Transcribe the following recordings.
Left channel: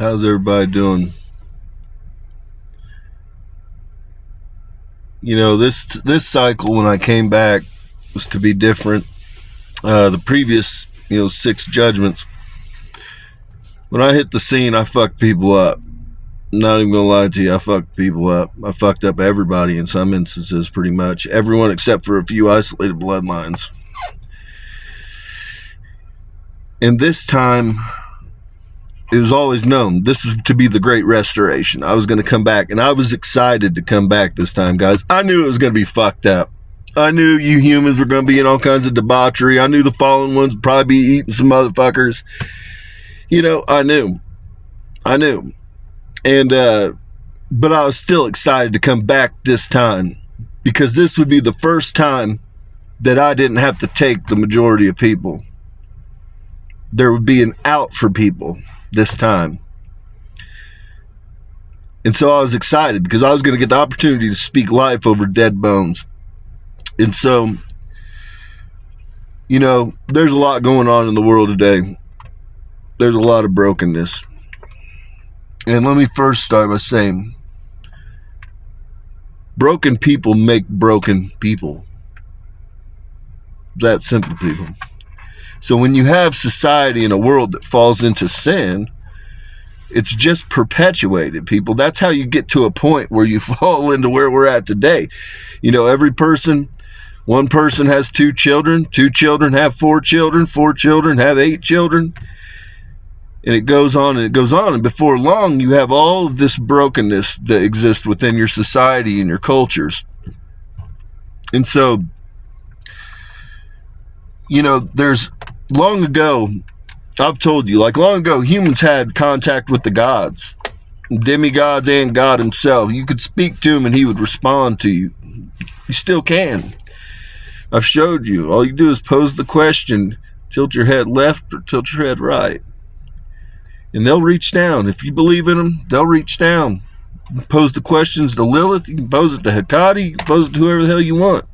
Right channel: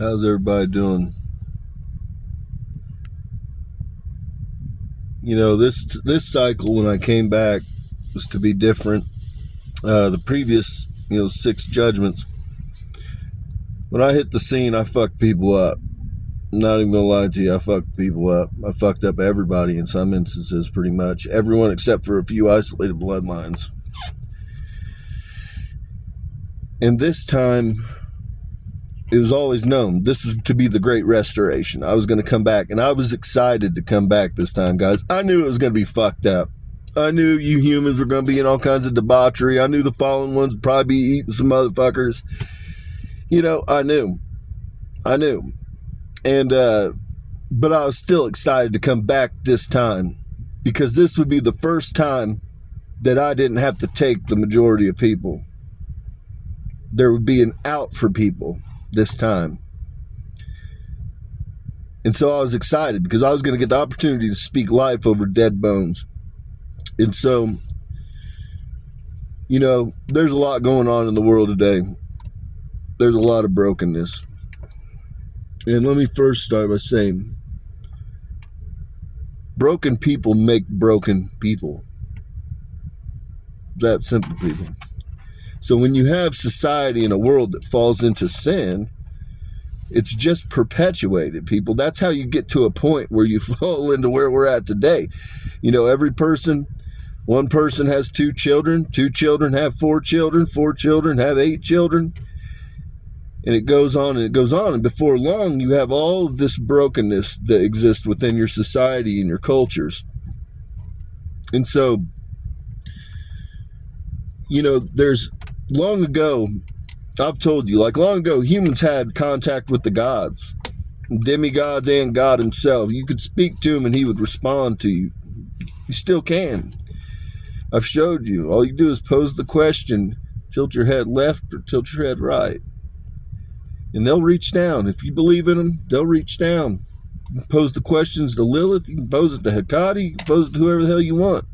How's everybody doing? This cycle when I came back was to be different. The previous, six judgments. When I hit the scene, I fucked people up. I'm not even gonna lie to you, I fucked people up. I fucked up everybody in some instances, pretty much everyone except for a few isolated bloodlines. And this time, it was always known this was to be the great restoration. I was going to come back, and I was excited to come back this time, guys. I knew it was going to be fucked up. I knew you humans were going to be in all kinds of debauchery. I knew the fallen ones would probably be eating some motherfuckers. I knew. And, but I was still excited to come back this time, because this would be the first time that I didn't have to take the majority of people. There would be an out for people this time. And so I was excited because I was going to get the opportunity to speak life over dead bones. And so, there's a lot going on in the world today. There's a lot of brokenness. And let me first start by saying, broken people make broken people. That simple, people. So when you have society in a world that falls into sin, it's just perpetuated, people. That's how you get to a point where you fall into where we're at today. One person has two children have four children have 8 children. And it goes on and it goes on. And before long, you have all of this brokenness that exists within your society and your cultures. And so, there's long ago, I've told you, long ago, humans had contact with the gods, demigods, and God himself. You could speak to him and he would respond to you. You still can. I've showed you. All you do is pose the question, tilt your head left or tilt your head right. And they'll reach down. If you believe in them, they'll reach down. You can pose the questions to Lilith, you can pose it to Hecate, you can pose it to whoever the hell you want.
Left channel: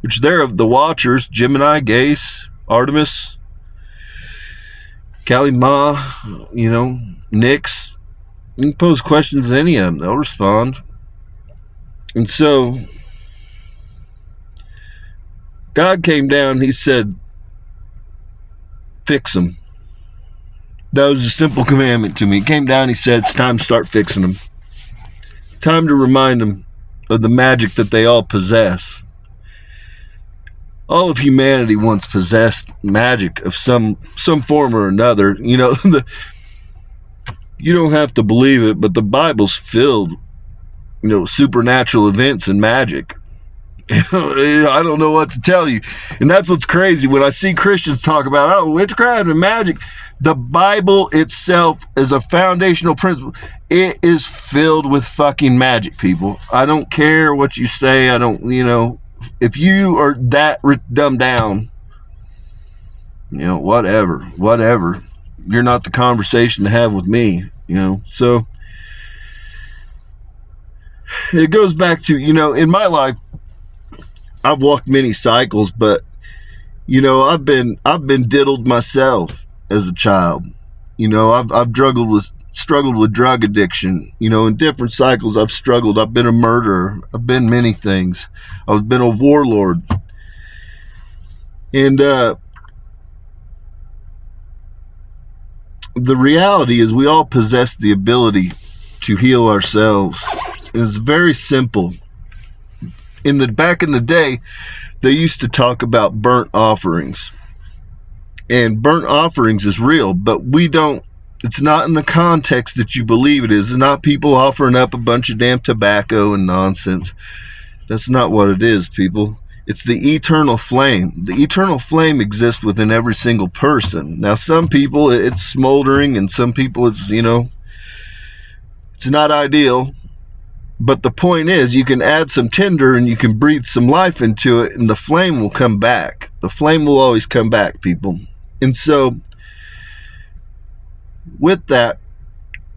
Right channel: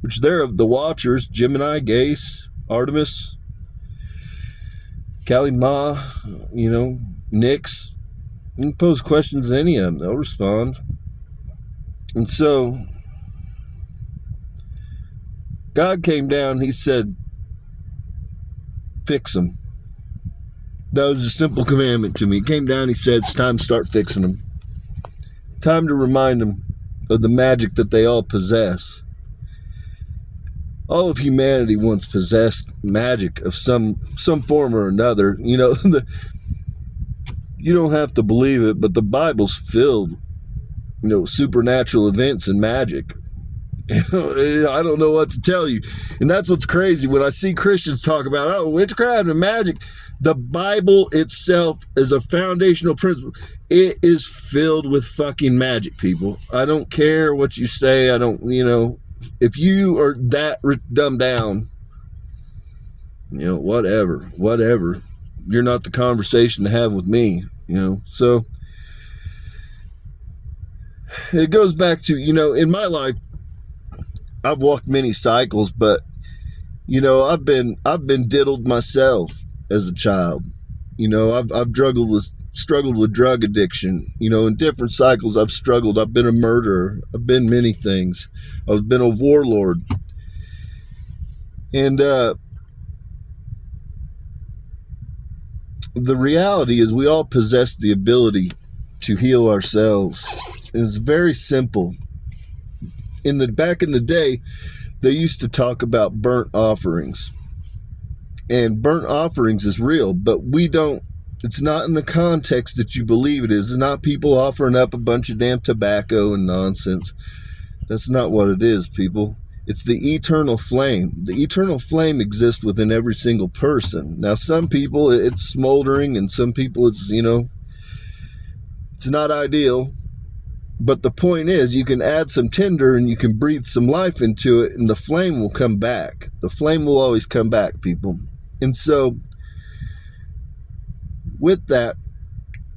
Which they're the Watchers, Gemini, Gace, Artemis, Kali Ma, Nyx. You can pose questions to any of them. They'll respond. And so, God came down, he said, fix them. That was a simple commandment to me. He came down, he said, it's time to start fixing them. Time to remind them of the magic that they all possess. All of humanity once possessed magic of some form or another. You don't have to believe it, but the Bible's filled, supernatural events and magic. I don't know what to tell you. And that's what's crazy when I see Christians talk about, witchcraft and magic. The Bible itself is a foundational principle. It is filled with fucking magic, people. I don't care what you say. If you are that dumbed down, whatever. You're not the conversation to have with me, So it goes back to, in my life, I've walked many cycles, but, I've been diddled myself as a child. I've struggled with drug addiction. In different cycles I've struggled. I've been a murderer. I've been many things. I've been a warlord. And the reality is we all possess the ability to heal ourselves. It's very simple. Back in the day, they used to talk about burnt offerings. And burnt offerings is real, but it's not in the context that you believe it is. It's not people offering up a bunch of damn tobacco and nonsense. That's not what it is, people. It's the eternal flame. The eternal flame exists within every single person. Now, some people, it's smoldering, and some people, it's not ideal. But the point is, you can add some tinder and you can breathe some life into it, and the flame will come back. The flame will always come back, people. And so, with that,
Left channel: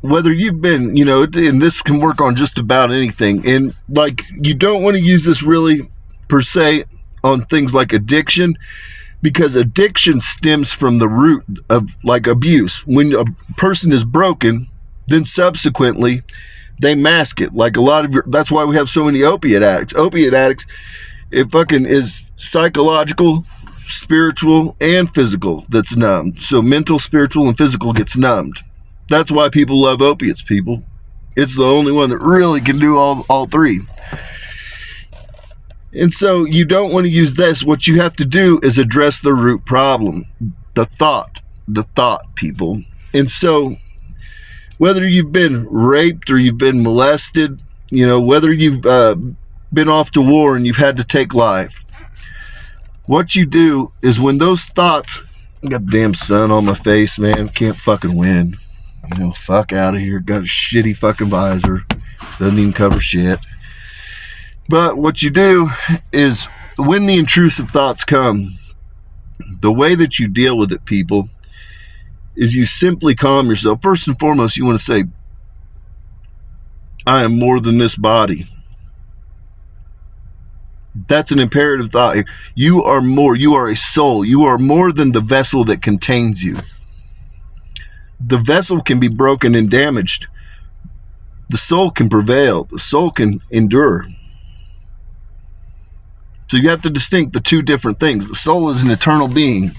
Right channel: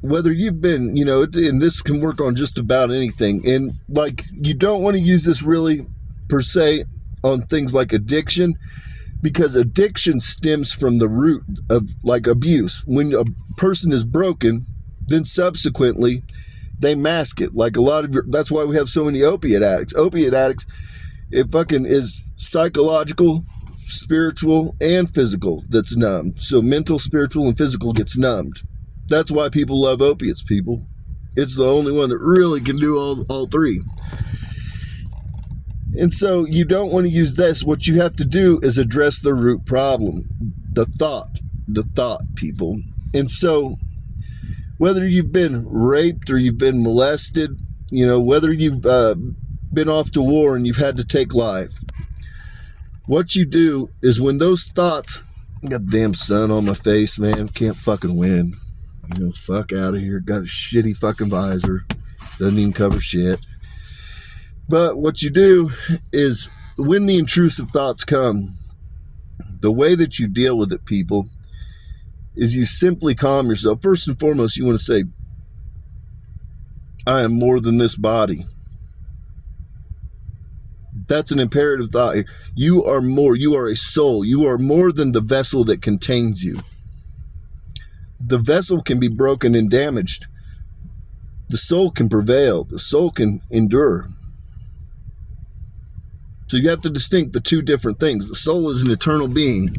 whether you've been, and this can work on just about anything, and you don't want to use this really per se on things like addiction, because addiction stems from the root of abuse. When a person is broken, Then subsequently, they mask it. Like a lot of that's why we have so many opiate addicts. Opiate addicts, it fucking is psychological, spiritual, and physical that's numbed. So mental, spiritual, and physical gets numbed. That's why people love opiates, people. It's the only one that really can do all three. And so you don't want to use this. What you have to do is address the root problem, the thought, people. And so whether you've been raped or you've been molested, whether you've been off to war and you've had to take life, what you do is when those thoughts, got damn sun on my face, man, can't fucking win. Fuck out of here. Got a shitty fucking visor. Doesn't even cover shit. But what you do is when the intrusive thoughts come, the way that you deal with it, people, is you simply calm yourself. First and foremost, you want to say, I am more than this body. That's an imperative thought here. You are more. You are a soul. You are more than the vessel that contains you. The vessel can be broken and damaged. The soul can prevail. The soul can endure. So you have to distinct the two different things. The soul is an eternal being.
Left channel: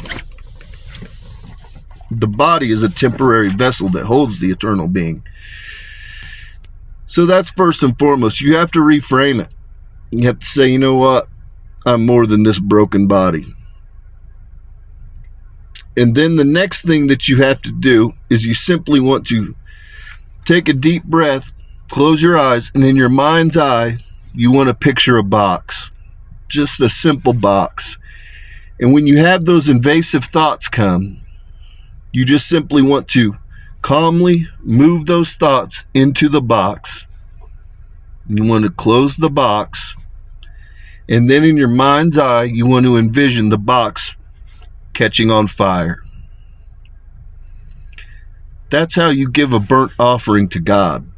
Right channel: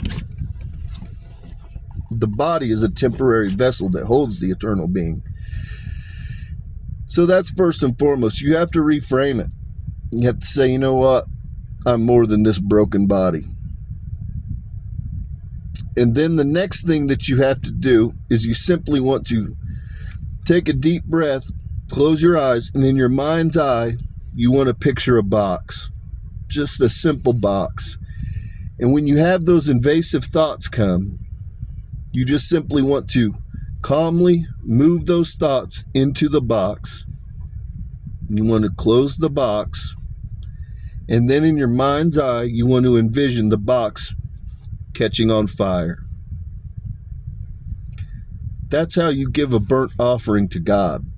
The body is a temporary vessel that holds the eternal being. So that's first and foremost. You have to reframe it. You have to say, you know what? I'm more than this broken body. And then the next thing that you have to do is you simply want to take a deep breath, close your eyes, and in your mind's eye, you want to picture a box. Just a simple box. And when you have those invasive thoughts come, you just simply want to calmly move those thoughts into the box. You want to close the box. And then in your mind's eye, you want to envision the box catching on fire. That's how you give a burnt offering to God.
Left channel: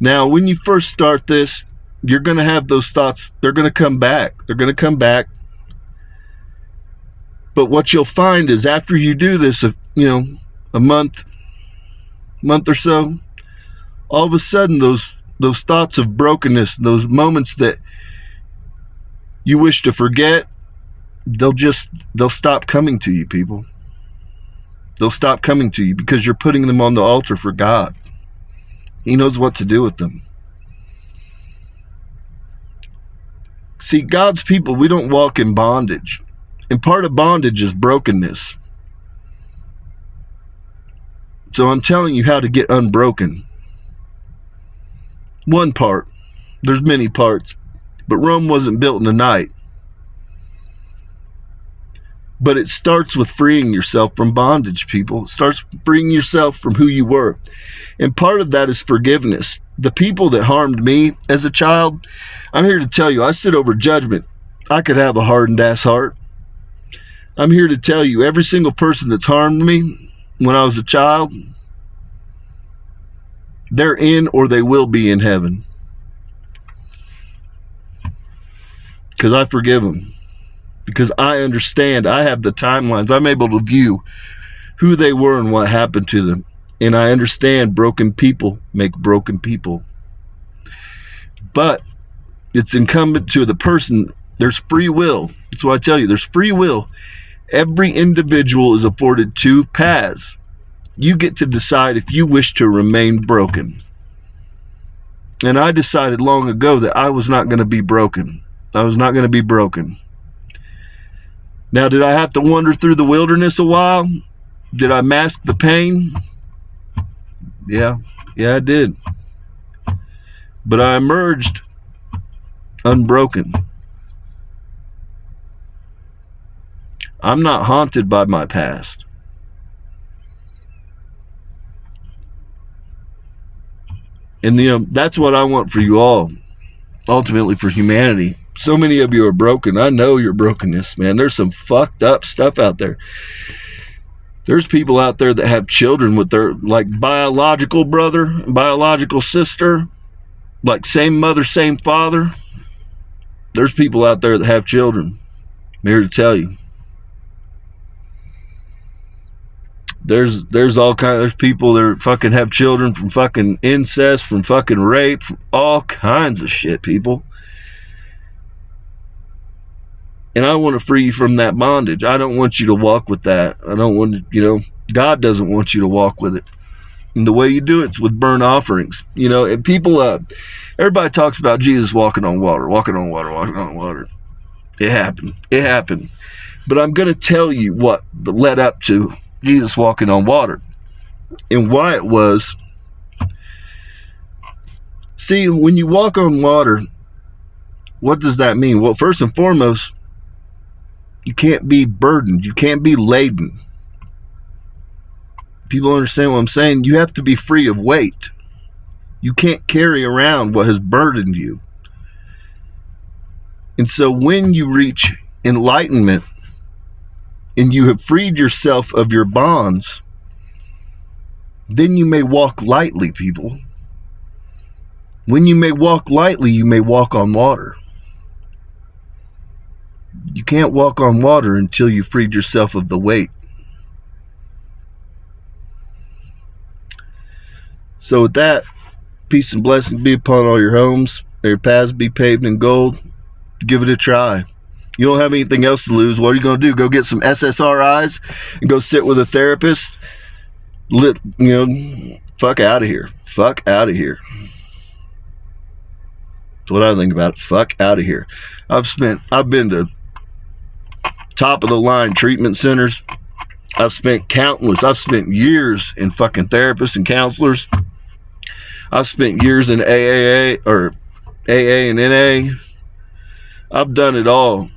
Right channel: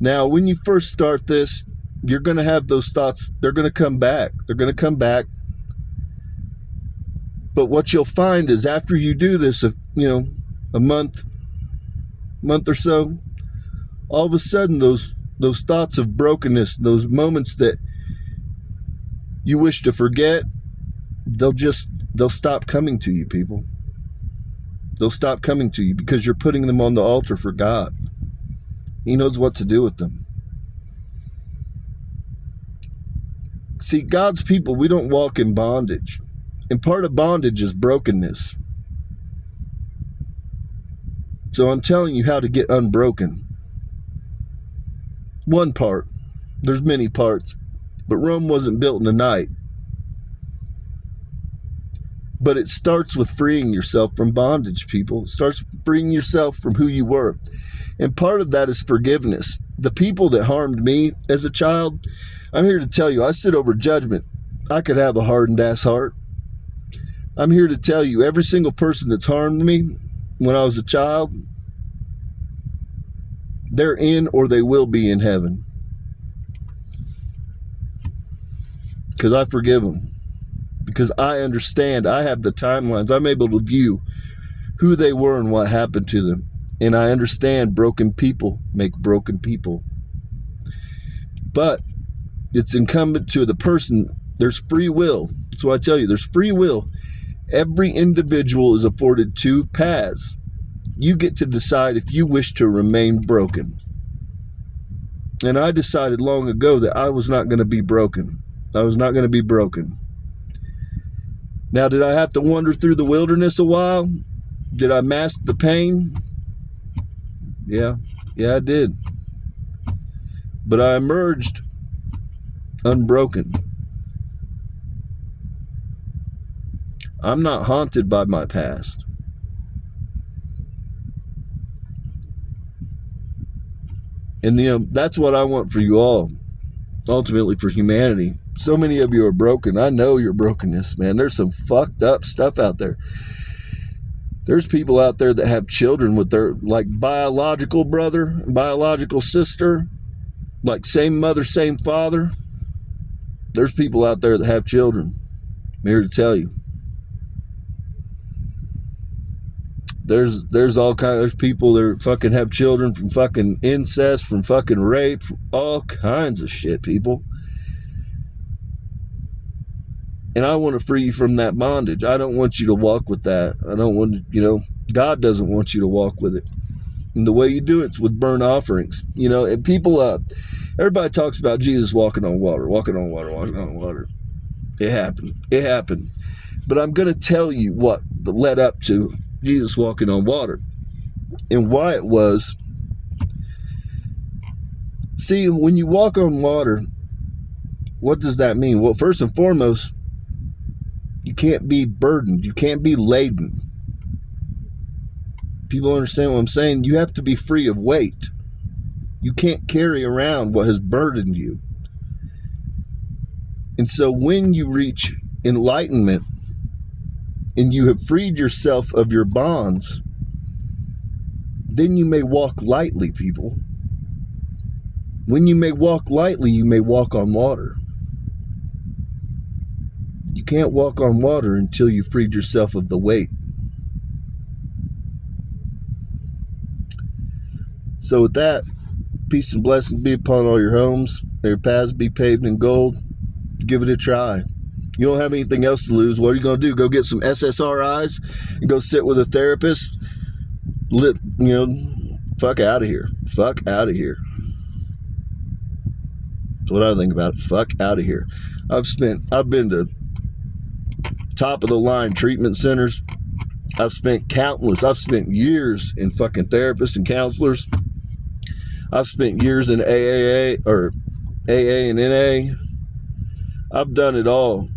Now, when you first start this, you're going to have those thoughts. They're going to come back. But what you'll find is after you do this, a month or so, all of a sudden those thoughts of brokenness, those moments that you wish to forget, they'll stop coming to you, people. They'll stop coming to you because you're putting them on the altar for God. He knows what to do with them. See, God's people, we don't walk in bondage. And part of bondage is brokenness. So I'm telling you how to get unbroken. One part. There's many parts. But Rome wasn't built in a night. But it starts with freeing yourself from bondage, people. It starts freeing yourself from who you were. And part of that is forgiveness. The people that harmed me as a child, I'm here to tell you, I sit over judgment. I could have a hardened ass heart. I'm here to tell you, every single person that's harmed me when I was a child, they're in or they will be in heaven. Because I forgive them. Because I understand, I have the timelines. I'm able to view who they were and what happened to them. And I understand broken people make broken people. But it's incumbent to the person, there's free will. That's why I tell you, there's free will. Every individual is afforded two paths. You get to decide if you wish to remain broken. And I decided long ago that I was not going to be broken. I was not going to be broken. Now, did I have to wander through the wilderness a while? Did I mask the pain? Yeah, I did. But I emerged unbroken. I'm not haunted by my past. And that's what I want for you all, ultimately for humanity. So many of you are broken. I know your brokenness, man. There's some fucked up stuff out there. There's people out there that have children with their biological brother, biological sister, like same mother, same father. There's people out there that have children. I'm here to tell you. There's all kinds. There's people that fucking have children from fucking incest, from fucking rape, from all kinds of shit, people. And I want to free you from that bondage. I don't want you to walk with that. I don't want to, God doesn't want you to walk with it. And the way you do it's with burnt offerings. And people, everybody talks about Jesus walking on water. It happened. But I'm going to tell you what led up to Jesus walking on water and why it was. See, when you walk on water, what does that mean? Well, first and foremost, you can't be burdened. You can't be laden. People understand what I'm saying? You have to be free of weight. You can't carry around what has burdened you. And so when you reach enlightenment and you have freed yourself of your bonds, then you may walk lightly, people. When you may walk lightly, you may walk on water. You can't walk on water until you freed yourself of the weight. So with that, peace and blessings be upon all your homes. May your paths be paved in gold. Give it a try. You don't have anything else to lose. What are you going to do? Go get some SSRIs and go sit with a therapist? Fuck out of here. Fuck out of here. That's what I think about it. Fuck out of here. I've been to top of the line treatment centers. I've spent years in fucking therapists and counselors. I've spent years in AA and NA. I've done it all.